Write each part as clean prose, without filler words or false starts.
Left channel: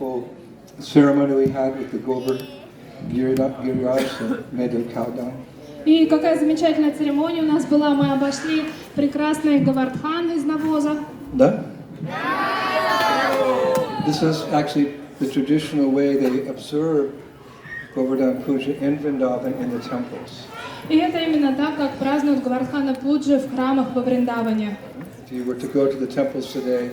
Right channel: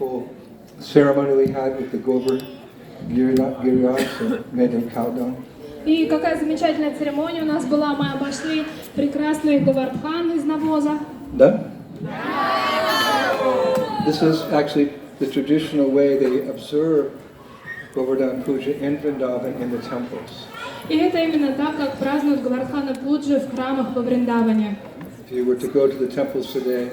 wonderful ceremony we had with the Gobar Giriraj that made the cow dung. И какая замечательная церемония у нас была. Мы обошли прекрасный Говардхан из навоза. Да? This is actually the traditional way they observe Govardhan Puja in Vrindavan in the temples. И это именно так, как празднуют Говардхана Пуджи в храмах во Вриндаване. If you were to go to the temples today,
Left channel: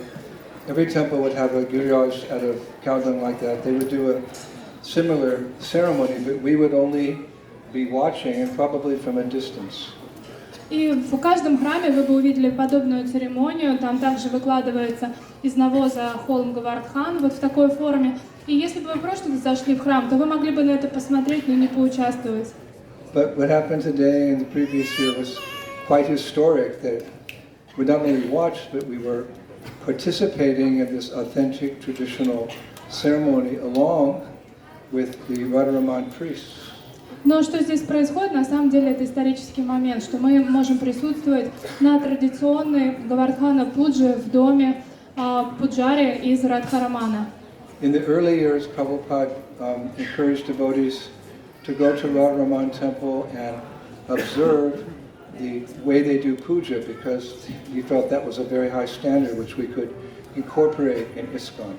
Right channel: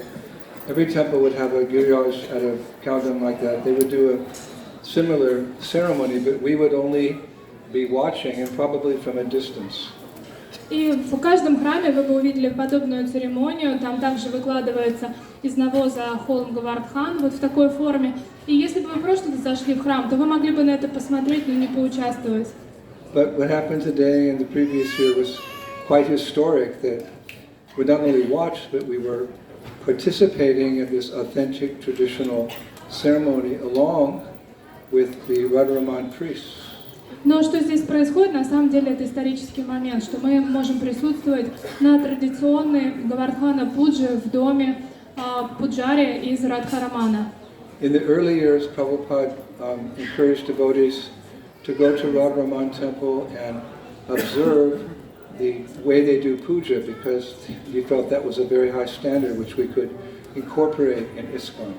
every temple would have a giriraj out of cow dung like that. They would do a similar ceremony, but we would only be watching and probably from a distance. И в каждом храме вы бы увидели подобную церемонию. Там также выкладывается из навоза холм Говардхан вот в такой форме. И если бы вы просто зашли в храм, то вы могли бы на это посмотреть, но не поучаствовать. But what happened today and the previous year was quite historic, that we not only watched, but we were participating in this authentic traditional ceremony along with the Radharaman priests. Но что здесь происходит, на самом деле это исторический момент, что мы можем присутствовать на традиционной Говардхана Пуджи в доме Пуджари из Радхарамана. In the early years, Prabhupada encouraged devotees to go to Radharaman temple and observe the way they do puja, because he felt that was a very high standard which we could incorporate in ISKCON.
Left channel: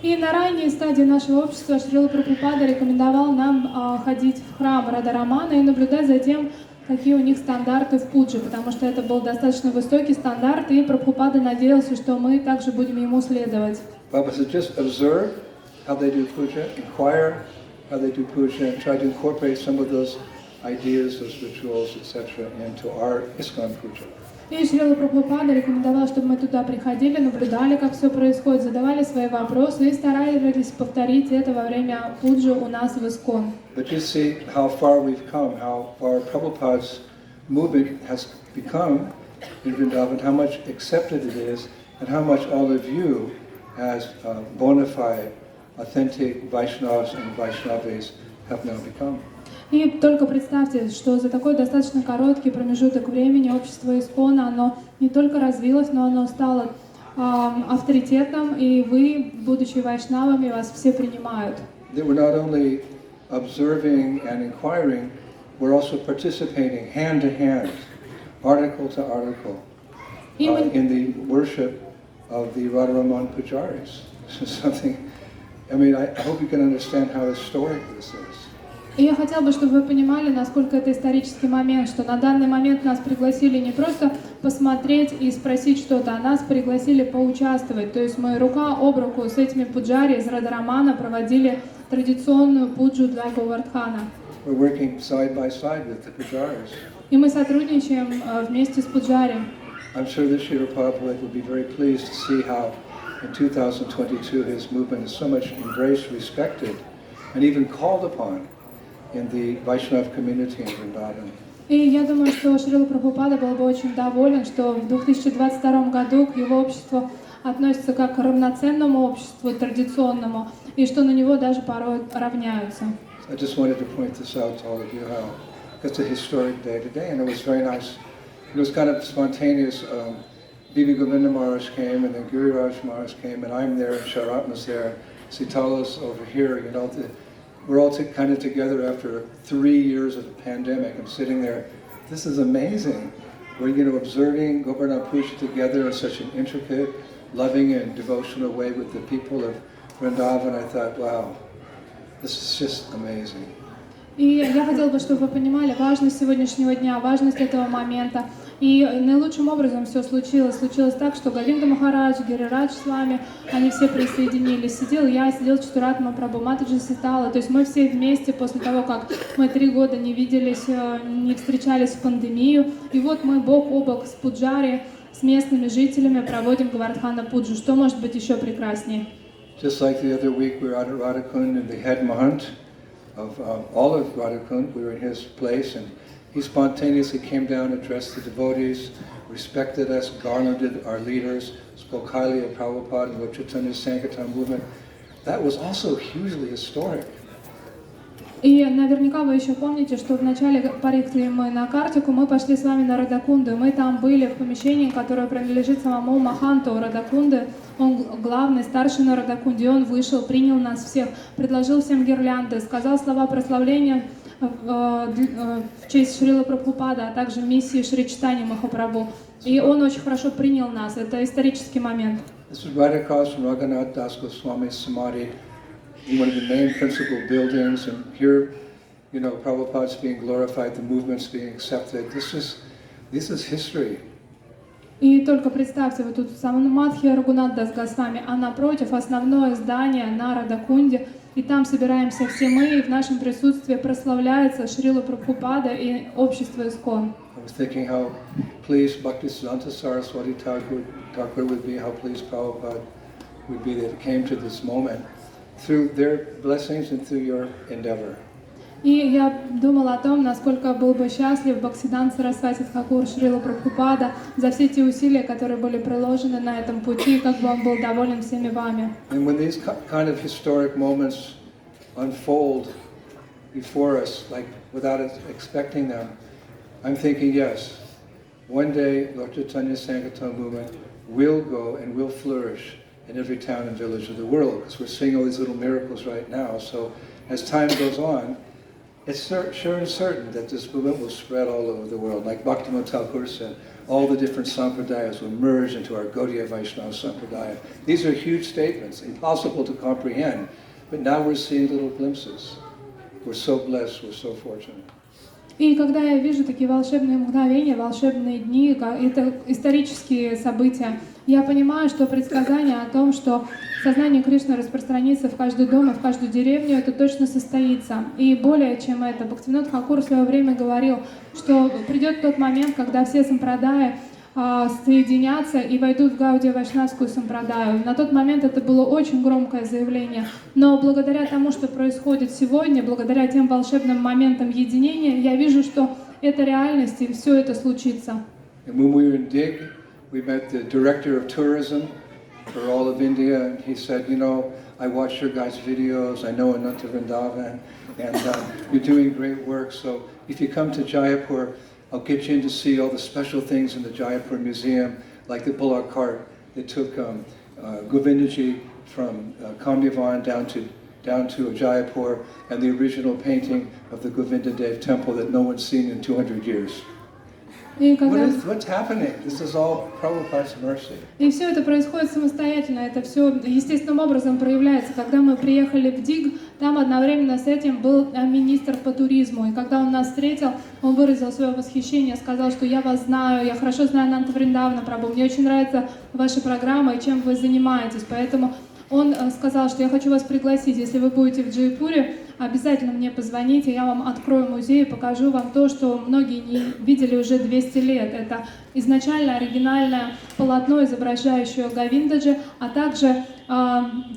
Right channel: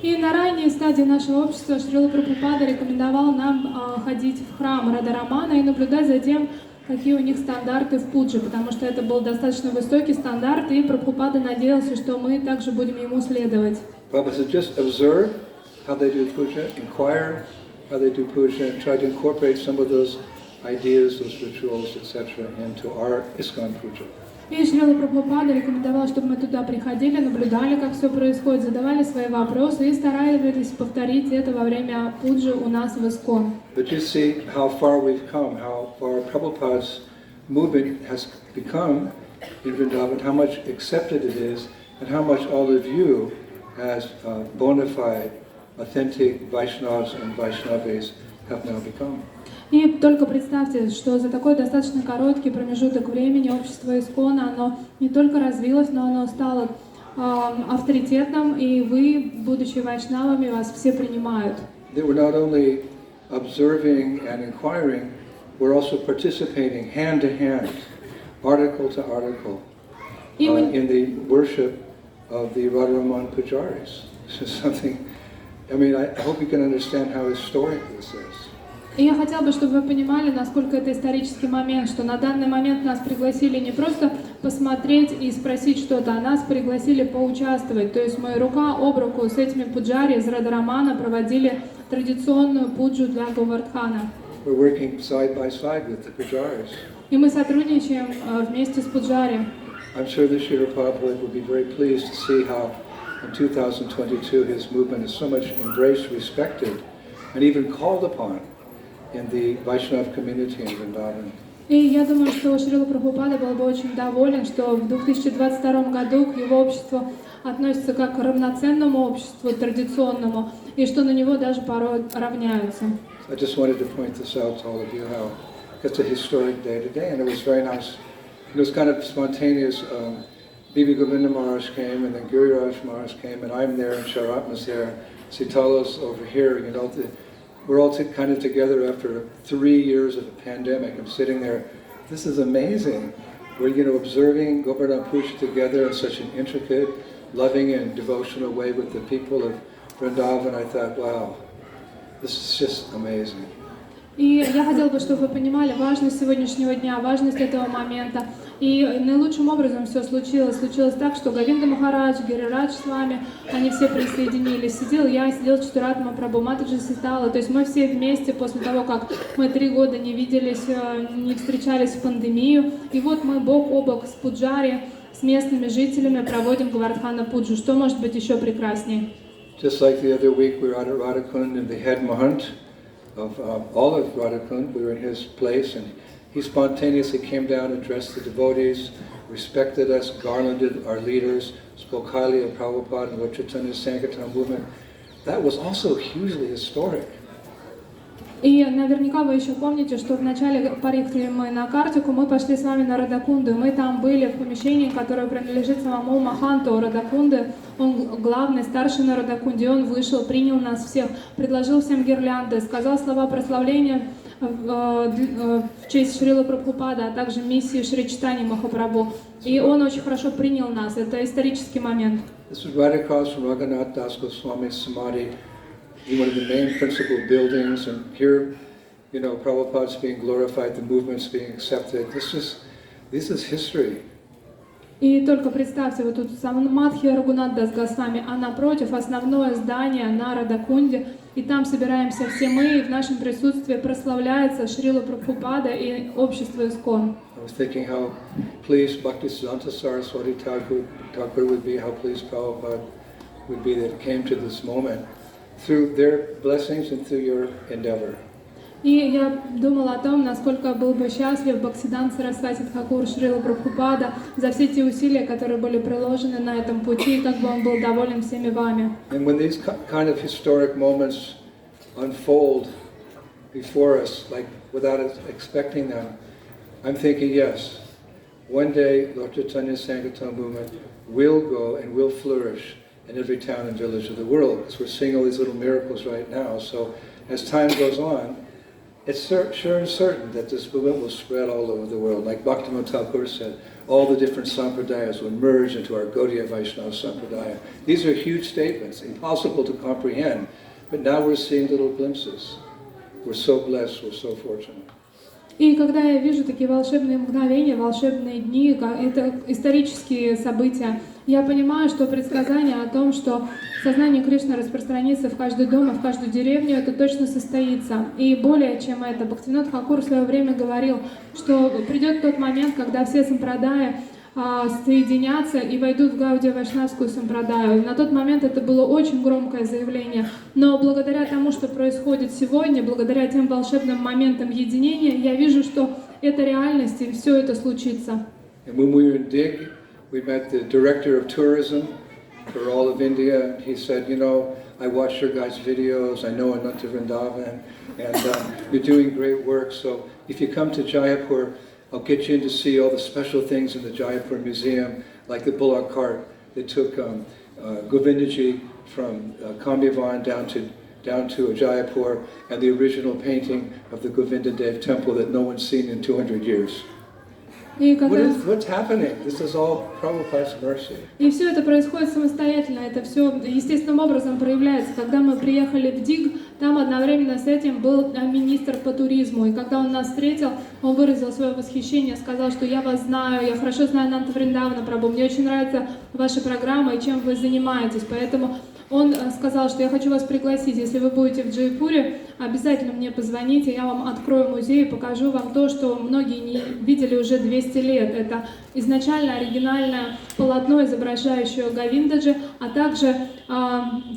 И на ранней стадии нашего общества Шрила Прабхупада рекомендовал нам ходить в храм Радхарамана и наблюдать за тем, какие у них стандарты в пудже, потому что это был достаточно высокий стандарт, и Прабхупада надеялся, что мы также будем ему следовать. Prabhupada said, just observe how they do puja, inquire how they do puja, and try to incorporate some of those ideas, those rituals, etc., into our ISKCON puja. И Шрила Прабхупада рекомендовал, чтобы мы туда приходили, наблюдали, как все происходит, задавали свои вопросы и старались повторить это во время пуджи у нас в ISKCON. But you see how far we've come, how far Prabhupada's movement has become in Vrindavan, how much accepted it is, and how much all of you as bona fide, authentic Vaishnavas and Vaishnavis have now become. И только представьте, что за такой достаточно короткий промежуток времени общество ISKCON, оно не только развилось, но оно стало авторитетом, и вы, будучи вайшнавами, вас все принимают. They were not only observing and inquiring, we're also participating hand to hand, article to article, in the worship of the Radharaman Pujaris. This is something, I mean, I hope you can understand how historic this is. И я хотела бы, чтобы вы понимали, насколько это исторический момент, что на данный момент нас пригласили не просто посмотреть и спросить что-то, а нас пригласили поучаствовать. То есть мы рука об руку с этими пуджари из Радхарамана проводили традиционную пуджу для Говардхана. И мы сотрудничаем вместе с пуджари. I'm sure that Sri Prabhupada will be very pleased to see how in 2022 his movement is so much embraced, respected, and even called upon in the Vaishnav community in Vrindavan. И я думаю, что Шрила Прабхупада был бы очень доволен, что в 2022 году к его обществу относятся как к равноценному обществу, традиционному, и что на него даже порой равняются. I just wanted to point this out to all of you, how it's a historic day today, and it was very nice. It was kind of spontaneous. Bibi Govinda Maharaj came, and then Giriraj Maharaj came, and I'm there, and Sharatma's there, Sitala's over here, you know. We're all kind of together after 3 years of a pandemic and sitting there. This is amazing. We're, you know, observing Govardhan Puja together in such an intricate, loving and devotional way with the people of Vrindavan. I thought, wow, this is just amazing. И я хотела бы, чтобы вы понимали важность сегодняшнего дня, важность этого момента. И наилучшим образом все случилось. Случилось так, что Говинда Махарадж, Гирирадж с вами, они все присоединились. Сидел я, сидел Чатуратма Прабху, Матаджи Ситала. То есть мы все вместе после того, как мы 3 года не виделись, не встречались в пандемию. И вот мы бок о бок с пуджари, с местными жителями проводим Говардхана Пуджу. Что может быть еще прекраснее? Just like the other week, we were out at Radhakund, and the head mahant of all of Radhakund, we were in his place, and he spontaneously came down, addressed the devotees, respected us, garlanded our leaders, spoke highly of Prabhupada and what Chaitanya Sankirtan movement. That was also hugely historic. И наверняка вы еще помните, что вначале поехали мы на Картику, мы пошли с вами на Радакунду. Мы там были в помещении, которое принадлежит самому Маханту Радакунды. Он главный, старший на Радакунде. Он вышел, принял нас всех, предложил всем гирлянды, сказал слова прославления в честь Шрилы Прабхупады, а также миссии Шри Чайтаньи Махапрабху. И он очень хорошо принял нас. Это исторический момент. This is right across from Raghunath Das Goswami's Samadhi, one of the main principal buildings, and here, you know, Prabhupada's being glorified, the movement's being accepted. This is history. И только представьте, вот тут Самадхи Рагунат Дас Госвами, а напротив основное здание на Радакунде, и там собираемся все мы, и в нашем присутствии прославляется Шрила Прабхупада и общество Искон. I was thinking how pleased Bhaktisiddhanta Saraswati Thakur would be, how pleased Prabhupada would be that it came to this moment through their blessings and through your endeavor. И я думала о том, насколько был бы счастлив Бхактисиддханта Сарасвати Тхакур Шрила Прабхупада за все те усилия, которые были приложены на этом пути, и как бы он был доволен всеми вами. And when these kind of historic moments unfold before us, like without us expecting them, I'm thinking, yes, one day Lord Chaitanya Sankirtan movement will go and will flourish in every town and village of the world, because we're seeing all these little miracles right now. So as time goes on, it's sure and certain that this movement will spread all over the world. Like Bhaktivinoda Thakur said, all the different sampradayas will merge into our Gaudiya Vaishnava sampradaya. These are huge statements, impossible to comprehend, but now we're seeing little glimpses. We're so blessed, we're so fortunate. И когда я вижу такие волшебные мгновения, волшебные дни, это исторические события, я понимаю, что предсказание о том, что сознание Кришны распространится в каждый дом и в каждую деревню, это точно состоится. И более чем это, Бхактивинода Тхакур в свое время говорил, что придет тот момент, когда все сампрадаи соединятся и войдут в Гаудия Вайшнавскую сампрадаю. На тот момент это было очень громкое заявление. Но благодаря тому, что происходит сегодня, благодаря тем волшебным моментам единения, я вижу, что это реальность и все это случится. When we were in Dig, we met the director of tourism for all of India, and he said, you know, I watch your guys' videos, I know Ananta Vrindavan, and you're doing great work, so if you come to Jaipur, I'll get you in to see all the special things in the Jaipur Museum, like the bullock cart that took Govindaji from Kamyavan down to Jaipur, and the original painting of the Govinda Dev temple that no one's seen in 200 years. What's happening? This is all Prabhupada's mercy. И все это происходит самостоятельно, это все естественным образом проявляется. Когда мы приехали в Диг, там одновременно с этим был министр по туризму, и когда он нас встретил, он выразил свое восхищение, сказал, что я вас знаю, я хорошо знаю Ананта Вриндавана Прабху, мне очень нравится ваша программа и чем вы занимаетесь, поэтому он сказал, что я хочу вас пригласить, если вы будете в Джайпуре, обязательно мне позвоните, я вам открою музей и покажу вам то, что многие не видели уже 200 лет. Это изначально оригинальное полотно, изображающее Говиндаджи, а также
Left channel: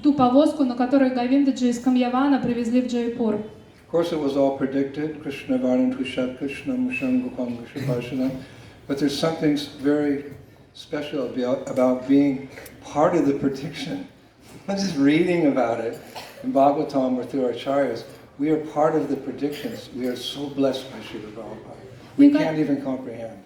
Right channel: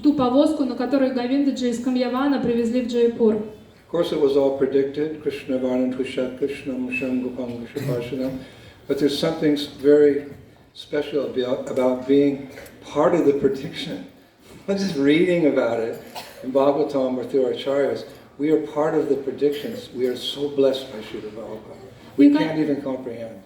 ту повозку, на которой Говиндаджи из Камьявана привезли в Джайпур. Of course, it was all predicted, Krishna Varnam Tushat Krishna Musham Gopam Mushabharshanam, but there's something very special about being part of the prediction. Not just reading about it in Bhagavatam or through our acharyas. We are part of the predictions. We are so blessed by Srila Prabhupada. We can't even comprehend.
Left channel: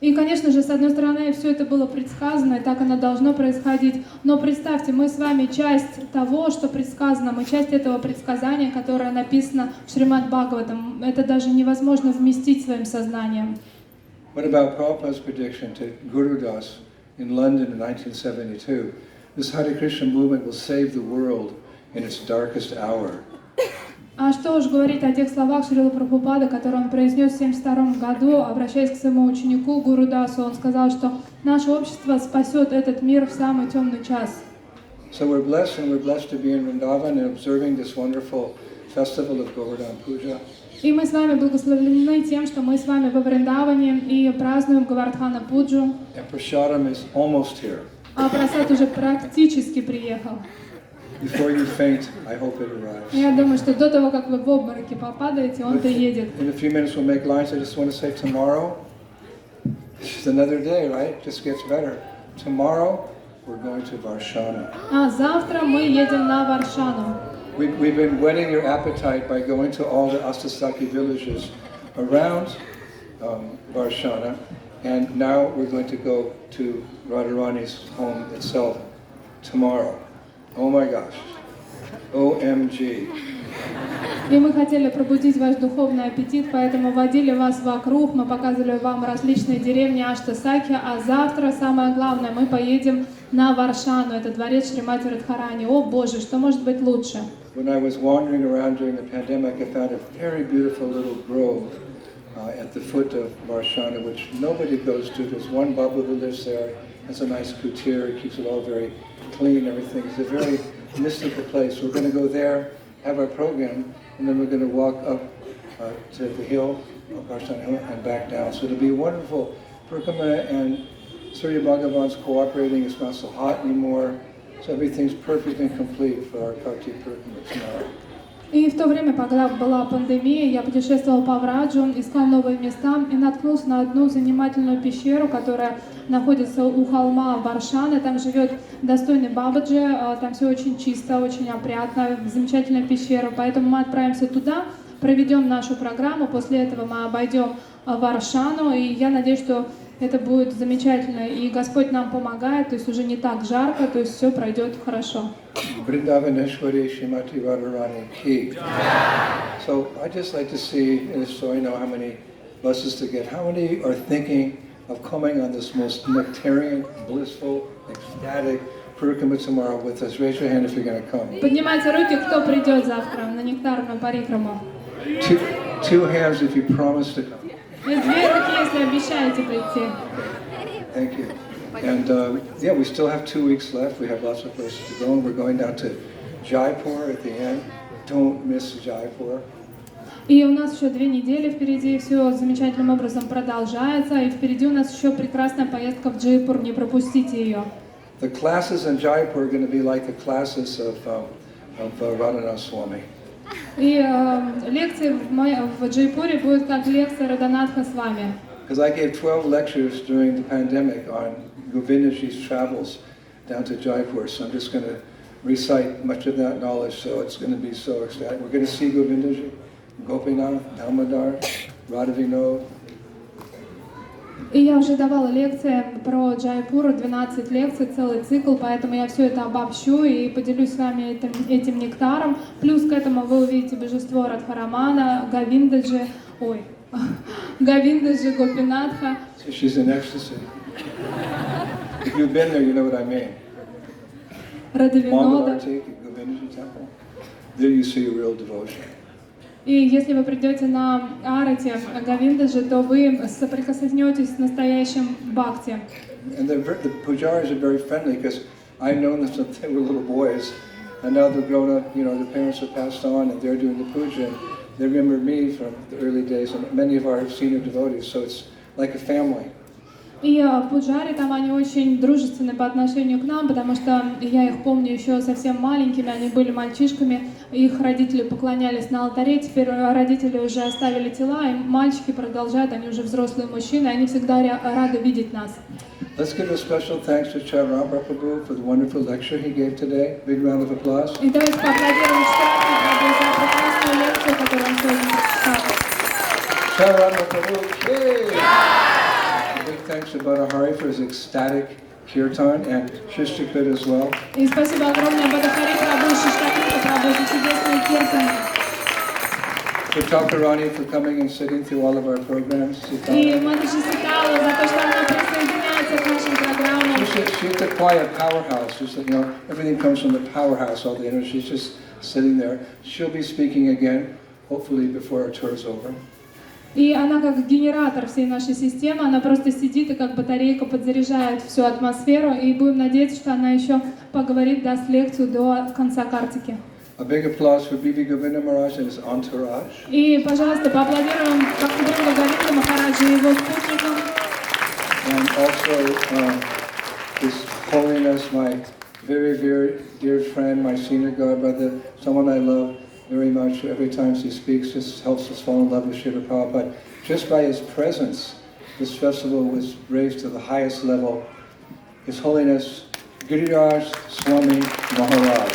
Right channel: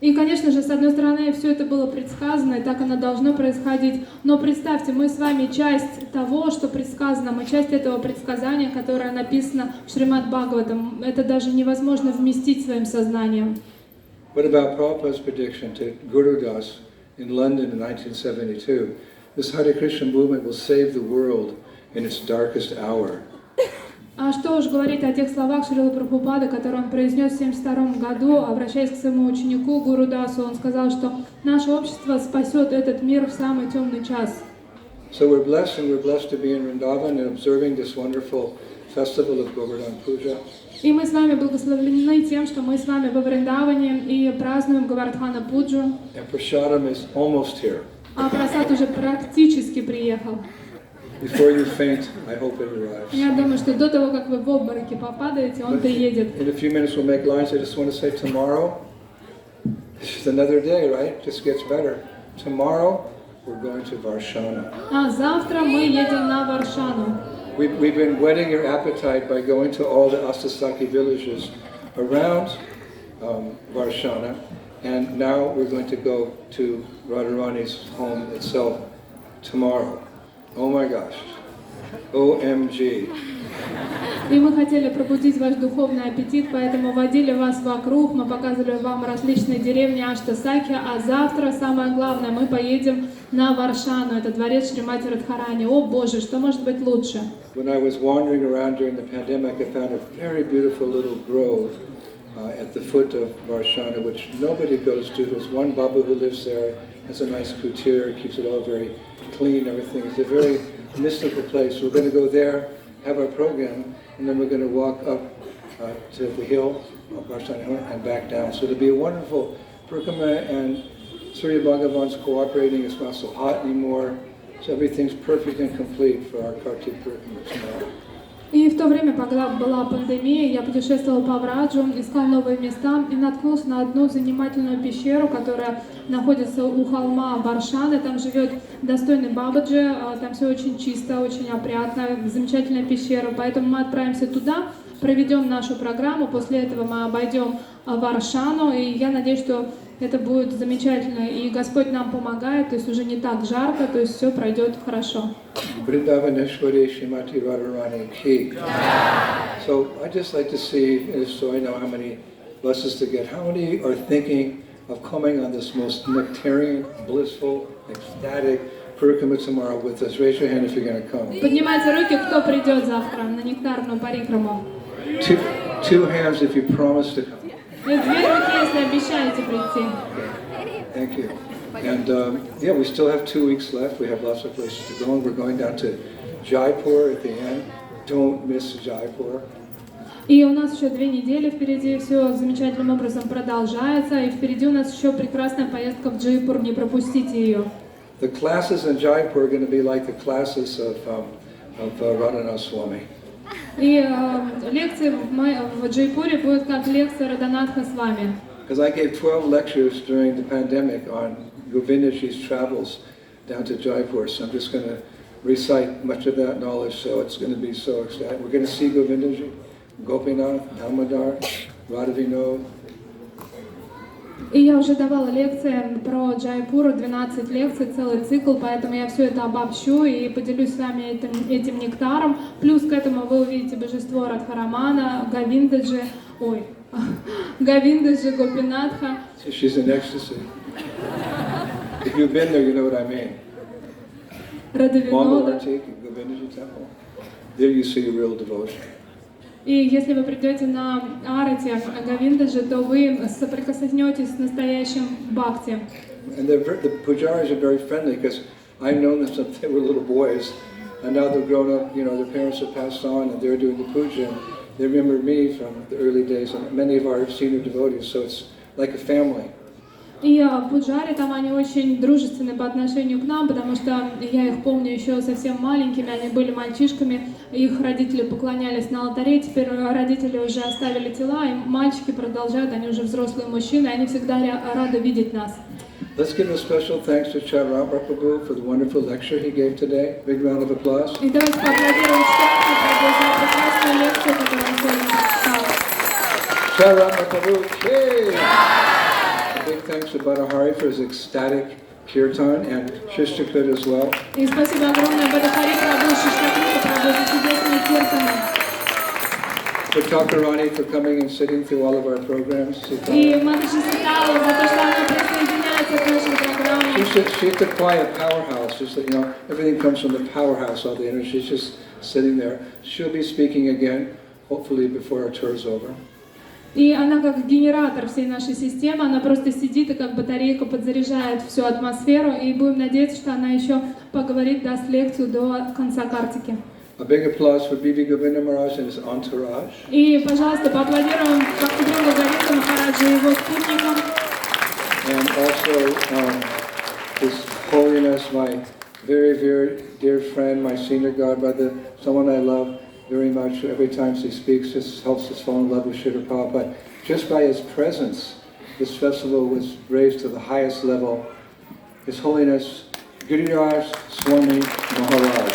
И, конечно же, с одной стороны, все это было предсказано, и так оно должно происходить. Но представьте, мы с вами часть того, что предсказано, мы часть этого предсказания, которое написано в Шримад Бхагаватам. Это даже невозможно вместить своим сознанием. What about Prabhupada's prediction to Guru Das in London in 1972? This Hare Krishna movement will save the world in its darkest hour. А что уж говорить о тех словах Шрилы Прабхупады, которые он произнес в 1972 году, обращаясь к своему ученику Гуру Дасу, он сказал, что наше общество спасет этот мир в самый темный час. So we're blessed, and we're blessed to be in Vrindavan and observing this wonderful festival of Govardhan Puja. И мы с вами благословлены тем, что мы с вами во Вриндаване и празднуем Говардхана Пуджу. And Prasadam is almost here. А просад уже практически приехал. Before you faint, I hope it arrives. Я думаю, что до того, как вы в обмороке попадаете, он приедет. In a few minutes we'll make lines. I just want to say tomorrow, it's just another day, right? It just gets better. Tomorrow, we're going to Varshana. А завтра мы едем на Варшану. We've we've been whetting your appetite by going to all the Astasaki villages around Varshana, and now we're going to go to Radharani's home itself tomorrow. Oh my gosh. OMG. И мы хотели пробудить ваш духовный аппетит, поэтому водили вас вокруг, мы показывали вам различные деревни Аштасаки, а завтра, самое главное, мы поедем на Варшану, это дворец Шримати Радхарани. О Боже, что может быть лучше? When I was wandering around during the pandemic, I found a very beautiful little grove at the foot of Varshana, which nobody goes to. There's one Babu who lives there, has a nice kutir, keeps it all very clean, everything. It's a very mystical place. We're going to go there, have our program, and then we're going to walk up to the hill, Varshana, and back down. So it'll be a wonderful Purkama, and Surya Bhagavan's cooperating. It's not so hot anymore. So everything's perfect and complete for our Kartik Purkama tomorrow. И в то время, когда была пандемия, я путешествовала по Враджу, искала новые места и наткнулась на одну занимательную пещеру, которая находится у холма Варшаны. Там живет достойный Бабаджи, там все очень чисто, очень опрятно, замечательная пещера. Поэтому мы отправимся туда, проведем нашу программу, после этого мы обойдем Варшану, и я надеюсь, что это будет замечательно, и Господь нам помогает, то есть уже не так жарко, то есть все пройдет хорошо. Vrindavaneshwari Shrimati Radharani Ki. So I just like to see, so I know how many buses to get, how many are thinking of coming on this most nectarian, blissful, ecstatic Purkama tomorrow with us? Raise your hand if you're going to come. Поднимайте руки, кто придет завтра на нектарную парикраму. Two hands if you promise to come. Две руки, если обещаете прийти. Thank you. And yeah, we still have 2 weeks left. We have lots of places to go. And we're going down to Jaipur at the end. Don't miss Jaipur. И у нас еще 2 недели впереди, все замечательным образом продолжается, и впереди у нас еще прекрасная поездка в Джайпур, не пропустите ее. The classes in Jaipur are going to be like the classes of Radhanath Swami. И лекции в Джайпуре будут как лекции Радханатха с вами. Because I gave 12 lectures during the pandemic on Govindaji's travels down to Jaipur, so I'm just going to recite much of that knowledge, so it's going to be so exciting. We're going to see Govindaji, Gopinath, Damodar, Radhavinoda. И я уже давала лекции про Джайпур, 12 лекций, целый цикл, поэтому я все это обобщу и поделюсь с вами этим нектаром. Плюс к этому вы увидите божество Радхарамана, Говиндаджи, Гопинатха. So she's in ecstasy. If you've been there, you know what I mean. Радhavинода. Govindaji temple. There you see real devotion. И если вы придете на Арати Говиндаджи, то вы соприкоснетесь с настоящим бхакти. And the pujaris are very friendly because I've known them since they were little boys, and now they're grown up. You know, their parents have passed on, and they're doing the puja. They remember me from the early days, and many of our senior devotees. So it's like a family. И пуджари там, они очень дружественны по отношению к нам, потому что я их помню еще совсем маленькими, они были мальчишками, их родители поклонялись на алтаре, теперь родители уже оставили тела, и мальчики продолжают, они уже взрослые мужчины, они всегда рады видеть нас. Let's give a special thanks to Chairabha Prabhu for the wonderful lecture he gave today. Big round of applause. И давайте поаплодируем за прекрасную лекцию, которую он сегодня прочитал. Chairabha Prabhu, yay! Big thanks to Badahari for his ecstatic kirtan and Shishtakrit as well. И спасибо огромное Бадахари Прабhu, Шиштакриту Прабhu за чудесные киртаны. To Thakurani for coming and sitting through all of our programs. И Матаджи Ситалу за то, что она присоединяется к нашим программам. She's the quiet powerhouse. She's, you know, everything comes from the powerhouse, all the energy. She's just sitting there. She'll be speaking again, hopefully before our tour is over. И она как генератор всей нашей системы, она просто сидит и как батарейка подзаряжает всю атмосферу, и будем надеяться, что она еще поговорит, даст лекцию до конца картики. A big applause for Bibi Govinda Maharaj and his entourage. И, пожалуйста, поаплодируем Бхактивиноду Говинду Махараджу и его спутникам. And also His Holiness, my very, very dear friend, my senior godbrother, someone I love very much. Every time he speaks, just helps us fall in love with Srila Prabhupada. Just by his presence, this festival was raised to the highest level. His Holiness Giriraj Swami Maharaj.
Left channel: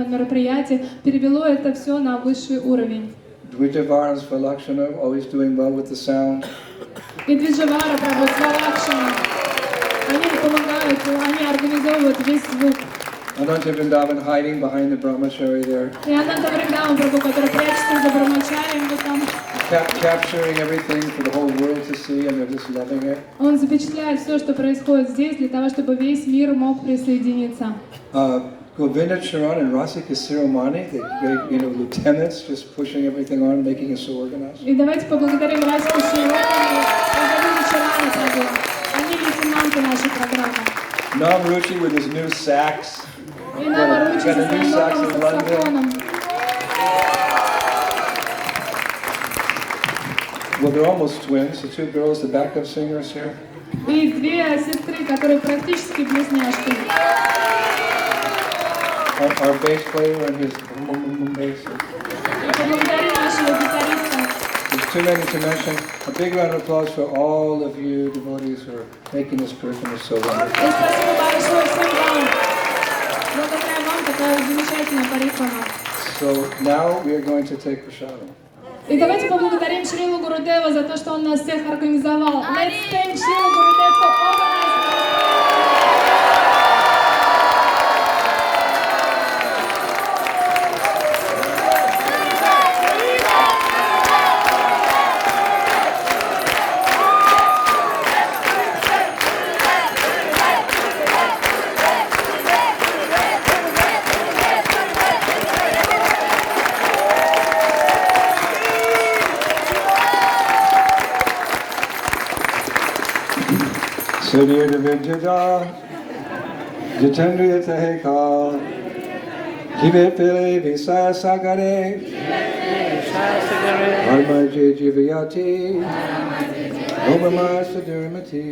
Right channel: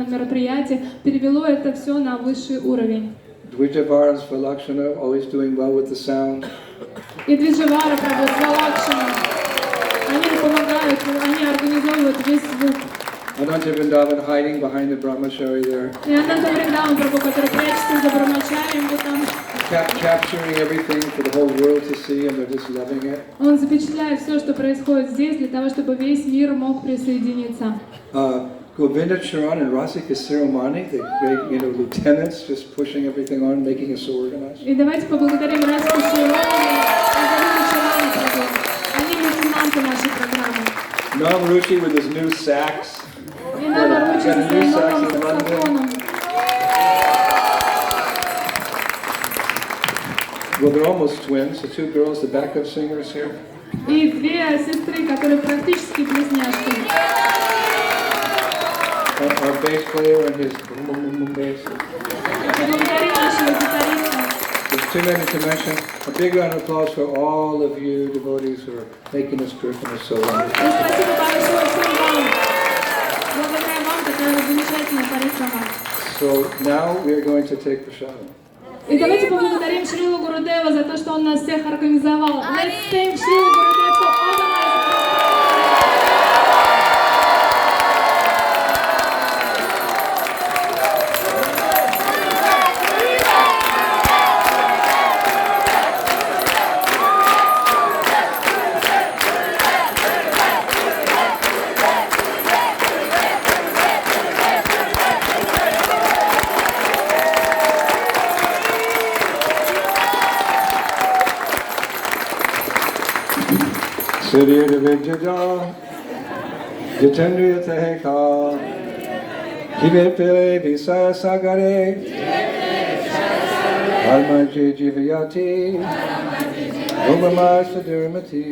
данном мероприятии, перевело это все на высший уровень. Dvijavaras for Lakshana, always doing well with the sound. И Двиджавара, Лакшина, они помогают, они организовывают весь звук. Ananta Vrindavan hiding behind the brahmachari there. И Ананда Вриндаван Прабху, который прячется за Брахмачарием, вот там. Capturing everything for the whole world to see, and they're just loving it. Он запечатляет все, что происходит здесь, для того, чтобы весь мир мог присоединиться. Govinda Charan and Rasika Siromani, the big, lieutenants, just pushing everything on, making us so organized. И давайте поблагодарим Расику Широни и Галину Чарани Прабху. Они лейтенанты нашей программы. Nam Ruchi with his new sax. И Нава Ручи со своим новым саксофоном. Well, they're almost twins. The two girls, the backup singers here. И две сестры, которые практически близняшки. Our bass player and his bass. Поблагодарим нашего гитариста. There's too many to mention. A big round of applause for all of you devotees who are making this Christmas so wonderful. И спасибо большое всем вам. Благодаря вам такая замечательная харизма. So now we are going to take prasadam. И давайте поблагодарим Шрилу Гурудева за то, что он нас всех организовал. Let's thank Srila Gurudev for organizing. Surya Vidyada, Jitendriya Tehika, Kivepe Visa Sagare, Harmaji Jivayati, Umama Sadurmati,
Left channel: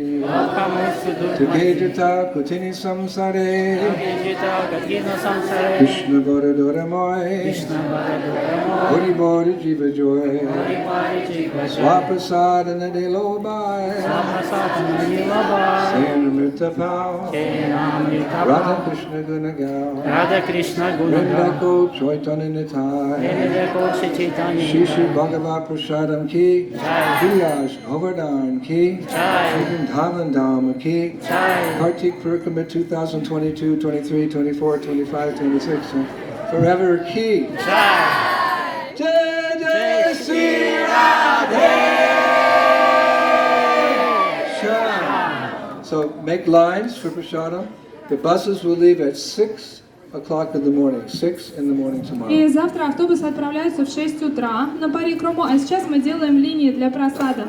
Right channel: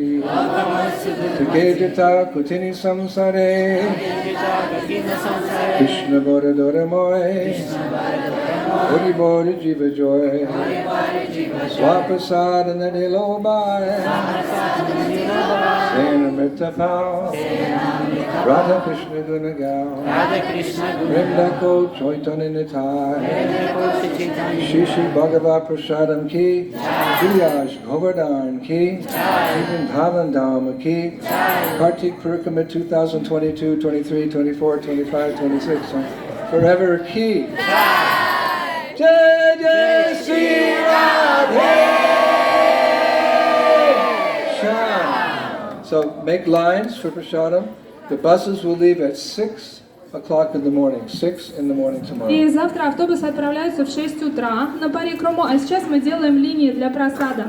Tikejita Kutini Samsare, Krishna Bodhidaramoy, Hari Bodhi Jiva Joy, Swaprasad and the Nilobai, Sena Pao, Radha Krishna Gunaga, Vrinda Ko Chaitanya Nitai, Shishi Bhagavad Prasadam Ki, Vilas Govardhan Ki, Vrindavan Dham Ki, Kartik Purikama 2022, 23, 24, 25, 26, Forever Ki. Jai Jai Sri Radhe. So make lines for prasadam. The buses will leave at 6 o'clock in the morning. 6 in the morning tomorrow. И завтра автобусы отправляются в 6 утра на парикраму, а сейчас мы делаем линии для просада.